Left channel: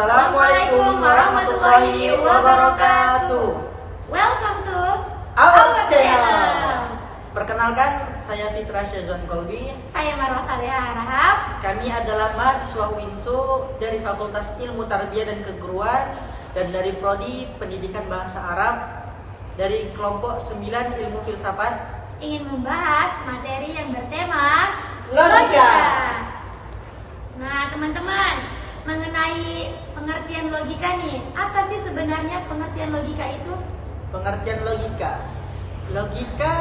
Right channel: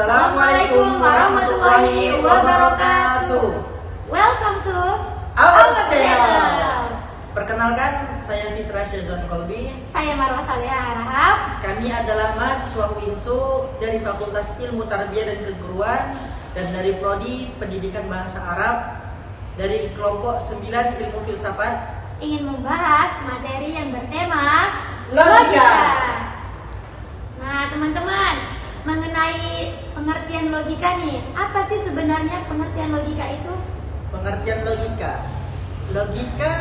Assalamualaikum warahmatullahi wabarakatuh. Welcome to our channel. Perkenalkan, saya Fitra Syazwan Kolbi. Saya Marwa Salihah Harahap. Kami adalah mahasiswa UINSO dari Fakultas Ilmu Tarbiyah dan Keguruan dan dari Prodi Pendidikan Bahasa Arab dari kelompok 9 Ilmu Filsafat. Ingin membahas materi yang bertema Logika. Nah, teman-teman, mengenai pengertian logika nih, apa sih sebenarnya pengertian logika itu? Pengertian logika. Logika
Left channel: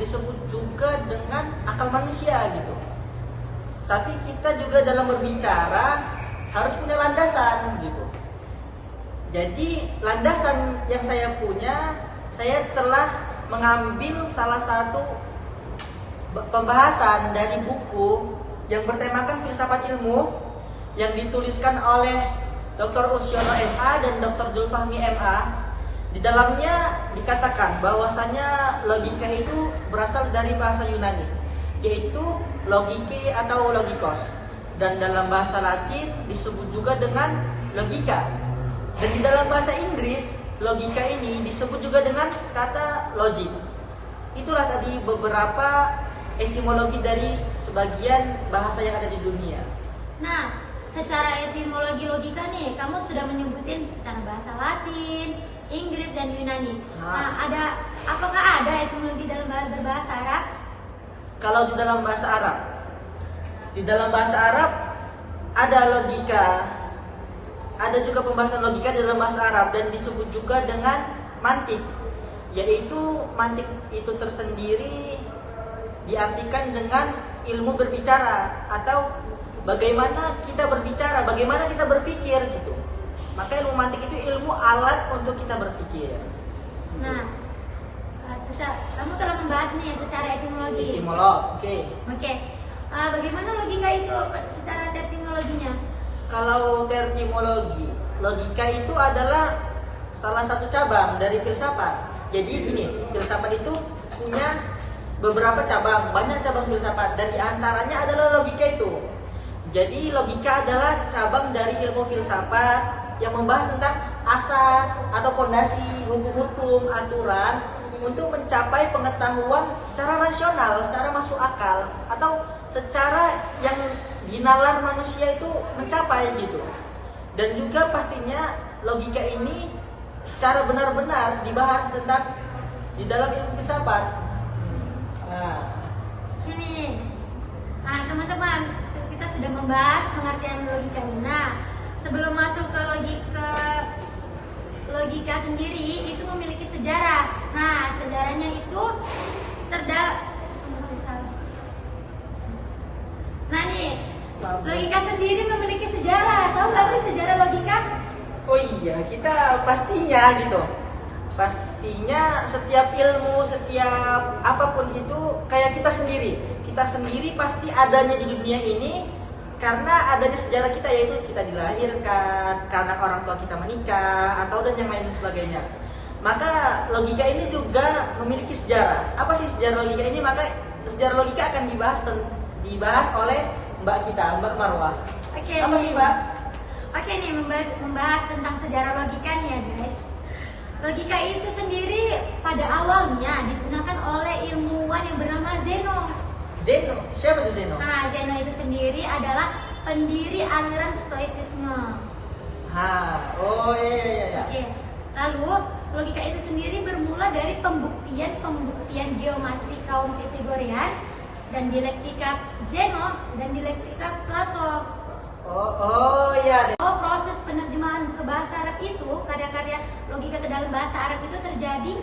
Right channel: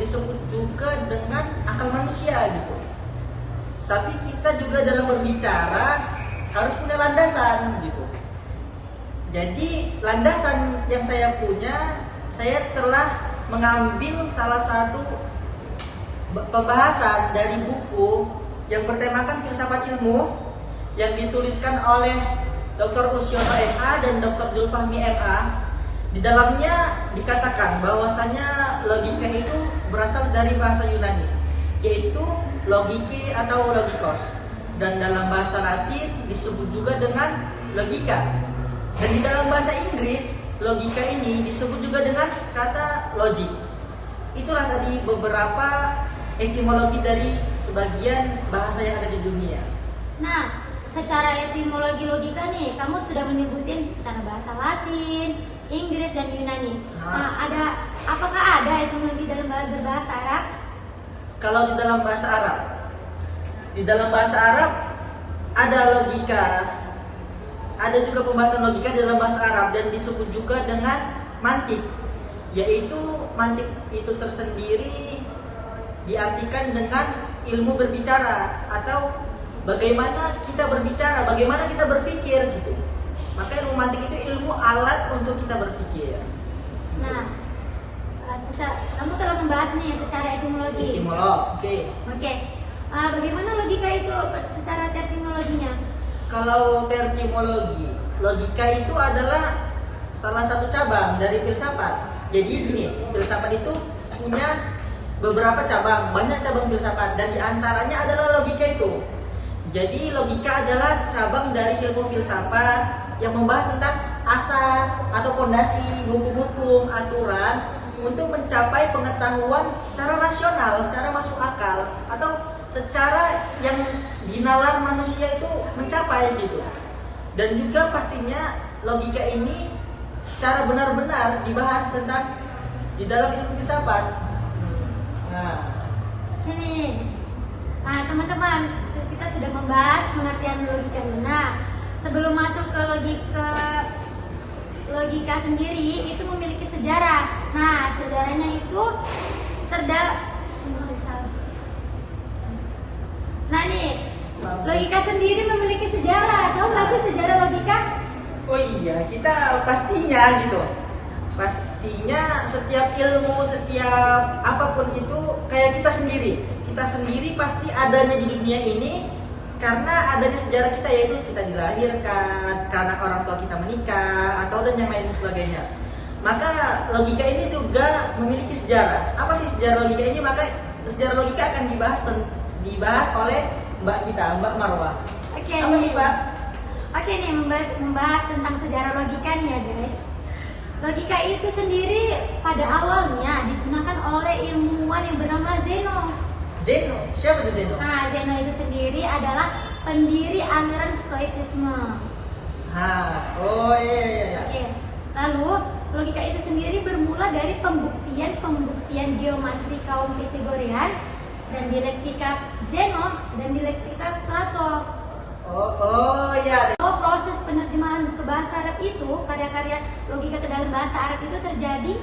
disebut juga dengan akal manusia gitu. Tapi kita juga dalam berbicara harus punya landasan gitu. Jadi landasan yang saya punya, saya telah mengambil salah satu pembahasan dari buku yang bertemakan filsafat ilmu yang dituliskan oleh Dr. Usyono MA dan Dr. Julfahmi MA. Di dalamnya dikatakan bahwasanya logika itu berasal dari bahasa Yunani, yaitu logike atau logikos, dan dalam bahasa Latin disebut juga dengan logika. Dan di dalam bahasa Inggris, logika ini disebut juga dengan kata logic. Itulah tadi beberapa etimologi dari sebagian bahasa yang ada di dunia. Nah, secara etimologi logika nih, kamu sudah menyebutin secara bahasa Latin, Inggris, dan Yunani. Nah, apakah ada etimologi dalam berbahasa Arab? Kalau di dalam bahasa Arab ada logika, ada juga pembahasan logika di dalam bahasa Arab dan disebut juga dengan mantik, yaitu mantik itu tersendiri diartikan dengan ilmu berbicara atau bagaimana kita berbicara, bagaimana kita berpikir gitu. Maka ilmu mantik itu ilmu alat untuk kita berpikir. Nah, kamu telah membahas nih secara etimologi. Oke. Bagaimana logika itu secara etimologinya? Kalau terminologi, logika itu adalah salah satu cabang dari filsafat. Jadi gini, filsafat itu punya beberapa cabang, banyak cabang filsafat, dan diantaranya adalah logika itu. Jadi logika adalah cabang dari ilmu filsafat yang membahas tentang asas atau fondasi, hukum-hukum, aturan untuk mencapai pengetahuan secara rasional, secara masuk akal, atau secara yang dinalar manusia itu mencapai gitu. Dan juga pastinya logika ini secara benar-benar dibahas tentang di dalam ilmu filsafat. Nah, teman-teman, kita sudah membahas pengertian logika. Nah, sebelum masuk ke logika sendiri, itu memiliki sejarah. Nah, sejarahnya itu Nah nih, logika sendiri memiliki sejarah. Tahu nggak sih sejarah logika? Oh iya, kita pastinya gitu. Pastinya setiap ilmu, setiap apapun itu kayak kita sendiri. Kita sendiri pasti adanya di dunia ini karena adanya sejarah kita, yaitu kita dilahirkan, karena orang tua kita menikah, atau dan yang lain sebagainya. Maka logika ini juga memiliki sejarah. Apa sih sejarah logika ini? Maka sejarah logika akan dibahas oleh Mbak kita, Mbak Marwah. Oke. Apa sih, Mbak? Oke nih, membahas tentang sejarah logika nih ya guys. Logika itu sendiri pada awalnya digunakan oleh ilmuwan yang bernama Zeno. Zeno? Siapa itu Zeno? Nah, Zeno itu sendiri adalah pendiri aliran Stoikisme. Iya. Oke. Lalu, logika itu sendiri bermula dari pembuktian geometri kaum Pythagorean dan dialektika Zeno dan dialektika Plato. Iya. Proses penerjemahan ke bahasa Arab itu, karya-karya logika ke dalam bahasa Arab itu terjadi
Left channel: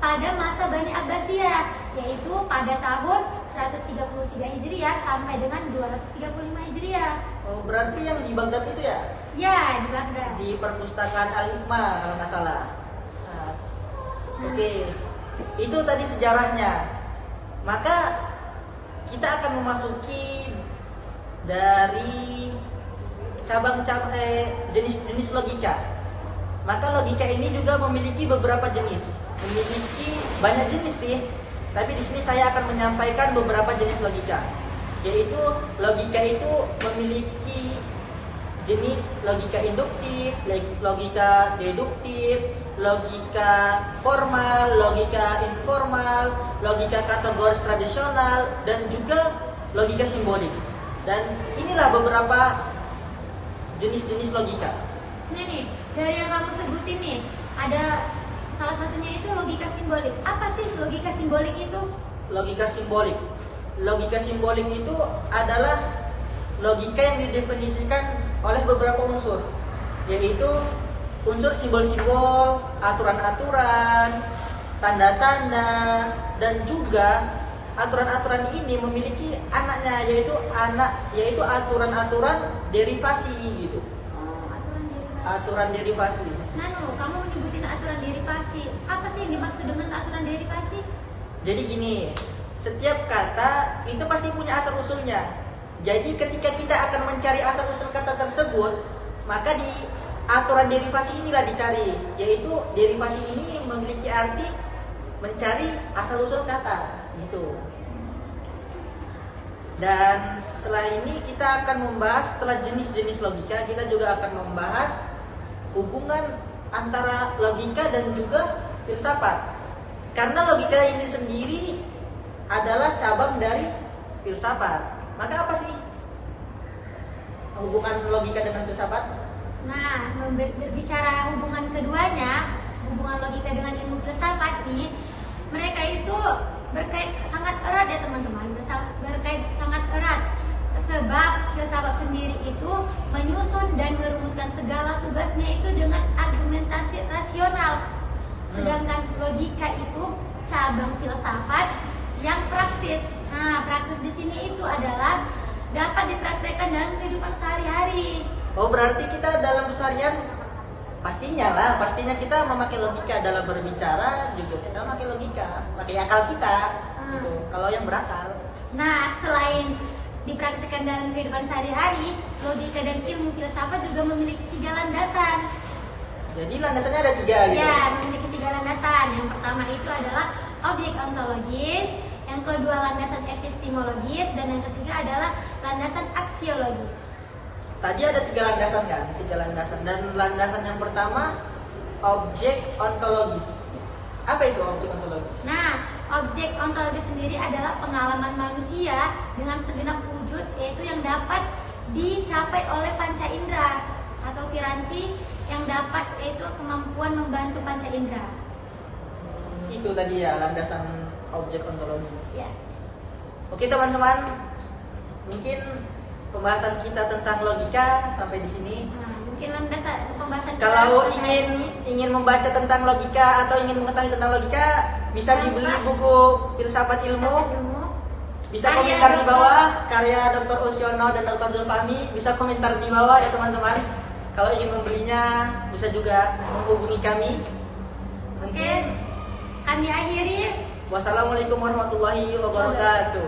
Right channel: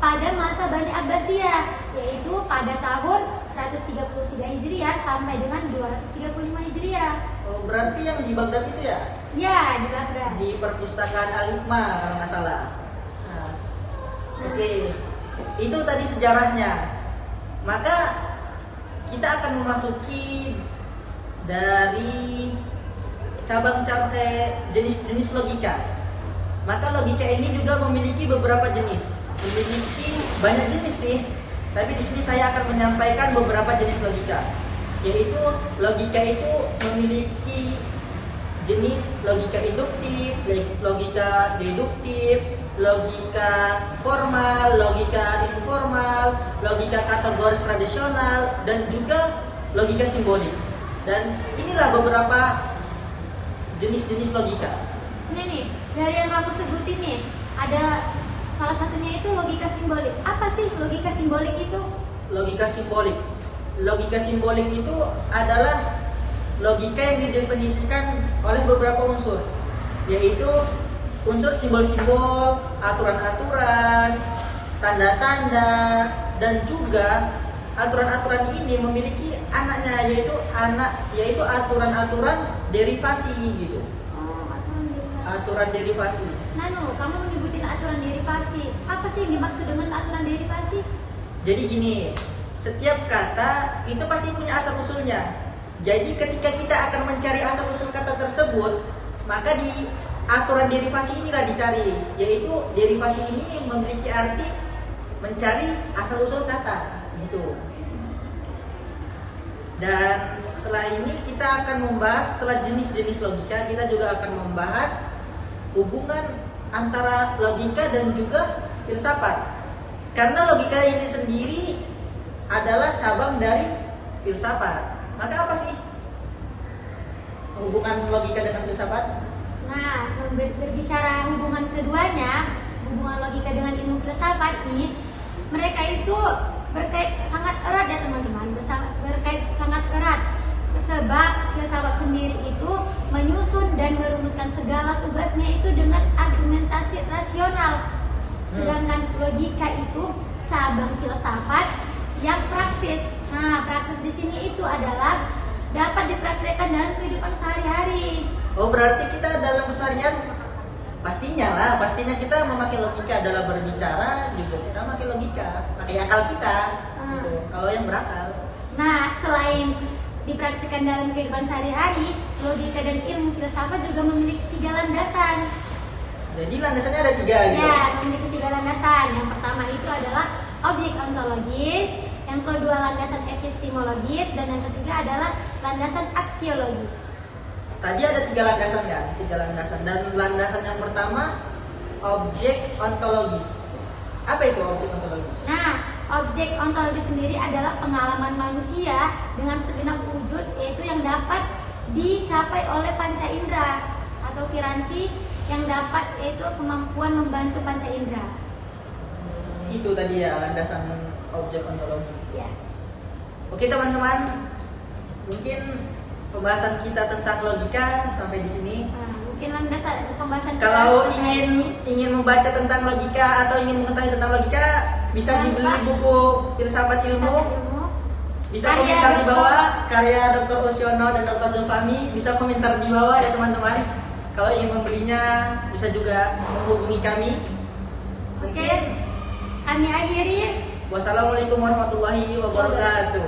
pada masa Bani Abbasiyah, yaitu pada tahun 133 Hijriah sampai dengan 235 Hijriah. Berarti yang di Baghdad itu ya? Ya, di Baghdad. Di perpustakaan Al-Hikmah kalau nggak salah. Oke. Itu tadi sejarahnya. Maka kita akan memasuki dari cabang-cabang jenis-jenis logika. Maka logika ini juga memiliki beberapa jenis, memiliki banyak jenis sih. Tapi di sini saya akan menyampaikan beberapa jenis logika, yaitu logika itu memiliki jenis logika induktif, logika deduktif, logika formal, logika informal, logika kategoris tradisional, dan juga logika simbolik. Dan inilah beberapa jenis-jenis logika. Ini nih, dari yang kamu sebutin nih, ada salah satunya itu logika simbolik. Apa sih logika simbolik itu? Logika simbolik. Logika simbolik itu adalah logika yang didefinisikan oleh beberapa unsur, yaitu unsur simbol-simbol, aturan-aturan, tanda-tanda, dan juga aturan-aturan ini memiliki anaknya, yaitu aturan-aturan derivasi gitu. Oh, aturan derivasi. Aturan derivasi. Nano, kamu menyebutin aturan derivasi. Apa sih yang dimaksud dengan aturan derivasi? Jadi gini, setiap kata itu pasti punya asal usulnya. Jadi ketika kita akan mencari asal usul kata tersebut, maka di aturan derivasi inilah dicari, yaitu derivasi ini memiliki arti mencari asal usul kata gitu. Dan setelah ini kita akan membahas, setelah jenis-jenis logika, kita juga akan membahas hubungan antara logika dan juga filsafat. Karena logika ini sendiri adalah cabang dari filsafat. Maka apa sih hubungan logika dengan filsafat? Nah, berbicara hubungan keduanya, hubungan logika dengan ilmu filsafat ini, mereka itu berkait sangat erat ya teman-teman, berkait sangat erat. Sebab filsafat sendiri itu menyusun dan merumuskan segala tugasnya itu dengan argumentasi rasional. Sedangkan logika itu cabang filsafat yang praktis. Nah, praktis di sini itu adalah dapat dipraktekkan dalam kehidupan sehari-hari. Oh, berarti kita dalam keseharian pastinya kita memakai logika dalam berbicara juga, kita memakai logika, pakai akal kita gitu, kalau yang berakal. Nah, selain dipraktikkan dalam kehidupan sehari-hari, logika dan ilmu filsafat juga memiliki 3 landasan. Jadi landasannya ada 3 gitu? Ya, memiliki 3 landasan. Yang pertama itu adalah objek ontologis, yang kedua landasan epistemologis, dan yang ketiga adalah landasan aksiologis. Tadi ada 3 landasan kan? 3 landasan. Dan landasan yang pertama objek ontologis. Apa itu objek ontologis? Nah, objek ontologis sendiri adalah pengalaman manusia dengan segenap wujud, yaitu yang dapat dicapai oleh panca indera atau piranti yang dapat, yaitu kemampuan membantu panca indera. Itu tadi ya landasan objek ontologis. Ya. Oke teman-teman, mungkin pembahasan kita tentang logika sampai di sini. Nah, mungkin landasan pembahasan kita. Kalau ingin membaca tentang logika atau ingin mengetahui tentang logika, bisa dibeli buku Filsafat Ilmu. Bisa komentar di bawah, karya Dr. Osiono dan Dr. Zulfahmi. Bisa komentar di bawah ya teman-teman. Kalau ingin membelinya, bisa juga menghubungi kami. Oke, kami akhiri. Wassalamualaikum warahmatullahi wabarakatuh.